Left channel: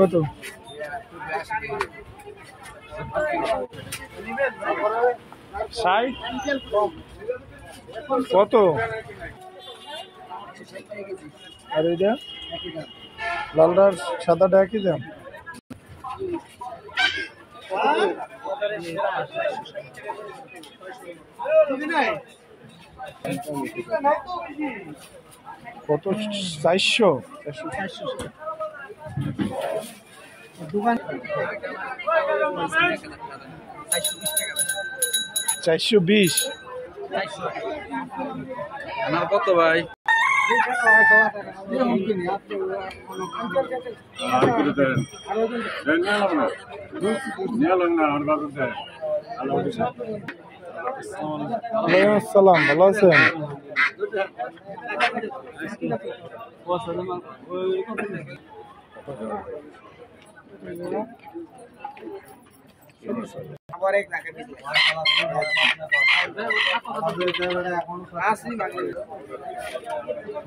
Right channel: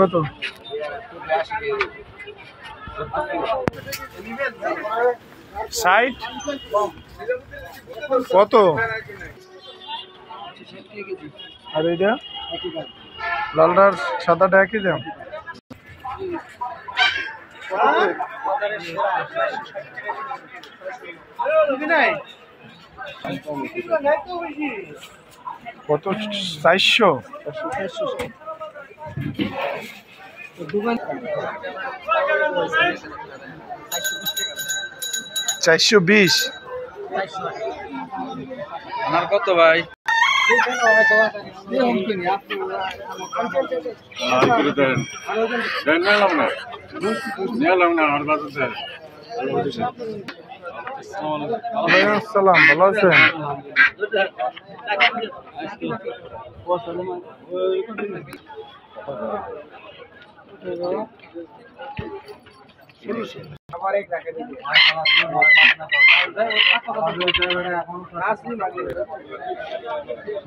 কত? ষাট। কত? আর এটা লালটার সাদাটা একই দাম। কত? 400। 420। আমার কত ভাই? আসসালাম, ভালো আছেন?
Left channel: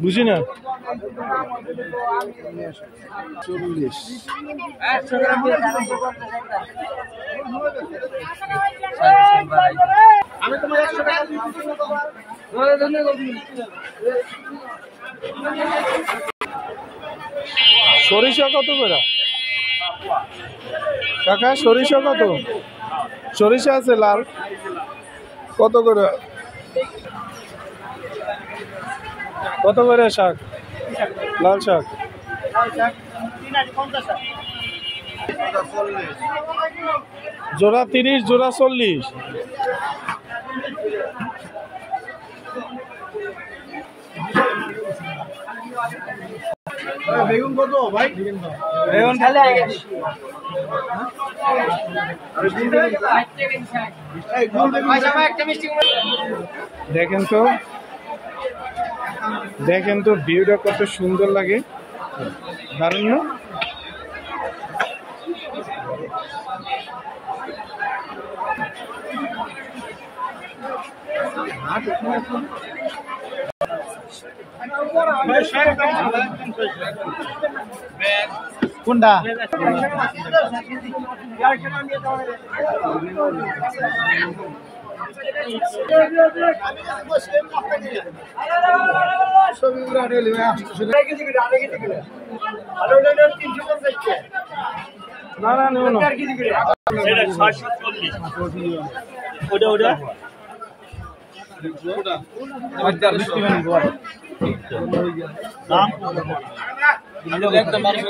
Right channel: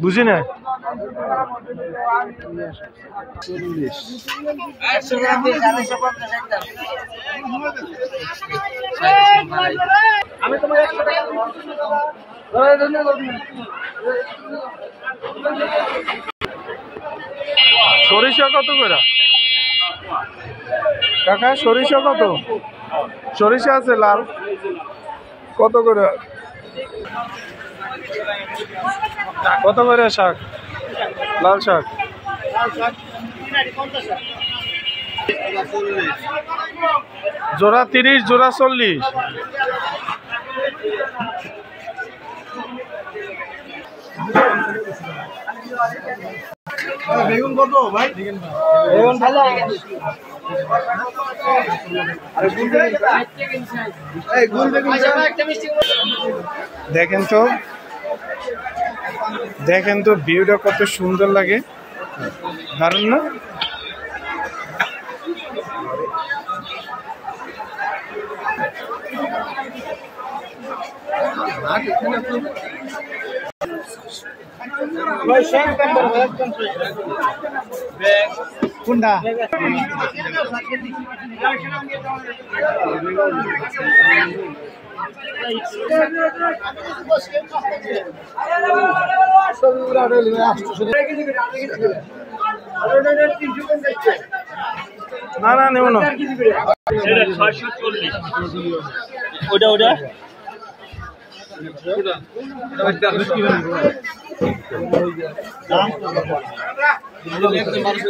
বুঝি না। 40। আমি তোমার 100 টাকা সরিষা কত করে কাকা? সরিষা কত? সরিষা আছে লাল কত করে? কত করে শাক? লাল শাক জোড়া 30, জোড়া 40। বেগুন কত ভাই? বেগুন খালি দেখেন তো, দেখেন তো ভিউটা কত সুন্দর লাগে, দারুণ না? কোনটা? না না নেব না। ওটা ওটা দাম একদম মানুষ